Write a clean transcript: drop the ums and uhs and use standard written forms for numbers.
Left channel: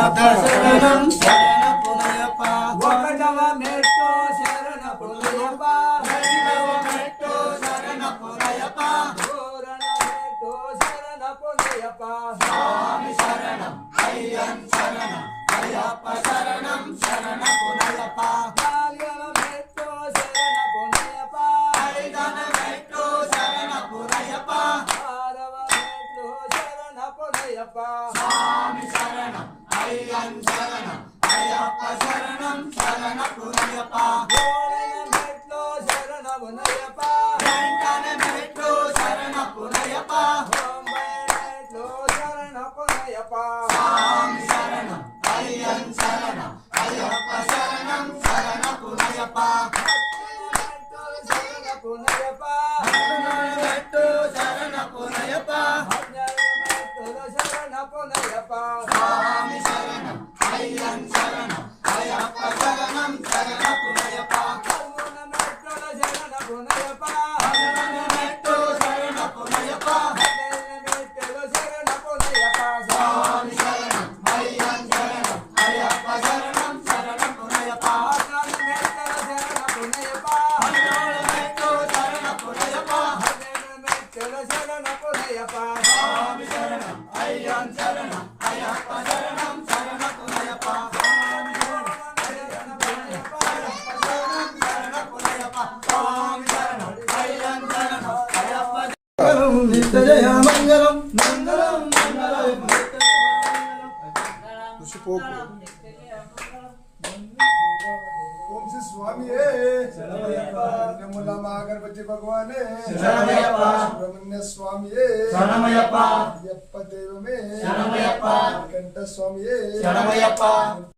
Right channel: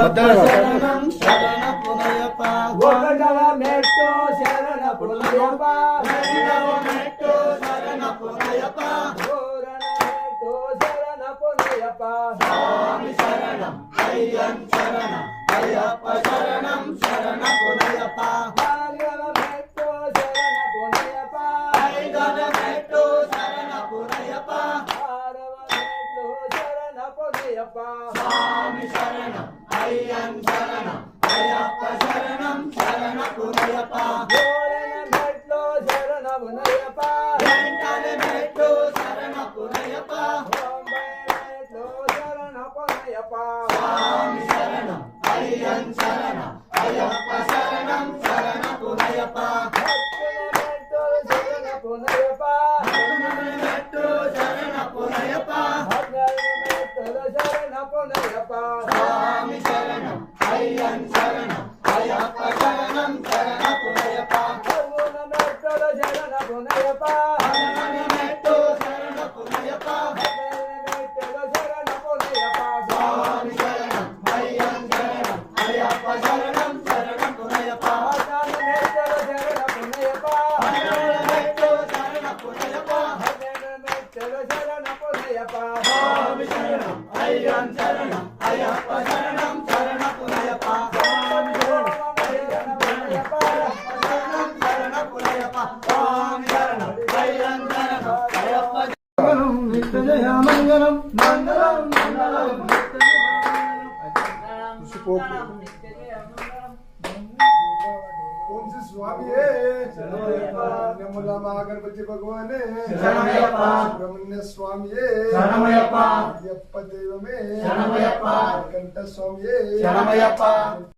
శరణం శరణ పునయప్ప ఒకటవ మెట్టు శరణ పునయప్ప రెండవ మెట్టు శరణ పునయప్ప మూడవ మెట్టు శరణ పునయప్ప స్వామి శరణం అయ్యన్ శరణం అయ్యప్ప శరణం శరణ పునయప్ప నాలుగవ మెట్టు శరణ పునయప్ప ఐదవ మెట్టు శరణ పునయప్ప ఆరవ మెట్టు శరణ పునయప్ప స్వామి శరణం అయ్యన్ శరణం అయ్యప్ప శరణం శరణ పునయప్ప ఏడవ మెట్టు శరణ పునయప్ప ఎనిమిదవ మెట్టు శరణ పునయప్ప స్వామి శరణం అయ్యన్ శరణం అయ్యప్ప శరణం శరణ పునయప్ప శరణ పునయప్ప శరణ పునయప్ప శరణ పునయప్ప స్వామి శరణం అయ్యన్ శరణం అయ్యప్ప శరణం శరణ పునయప్ప శరణ పునయప్ప శరణ పునయప్ప అయ్యన్ శరణం అయ్యప్ప శరణం శరణ పునయప్ప శరణ పునయప్ప స్వామి శరణం అయ్యన్ శరణం అయ్యప్ప నిత్య జయ మంగళం మంగళం మంగళం ओम श्री स्वामी नमोला गणपति भगवान सुब्रह्मण्य स्वामी शरणमयप्पा देव में शरणमयप्पा कंठ स्वामी शरणमयप्पा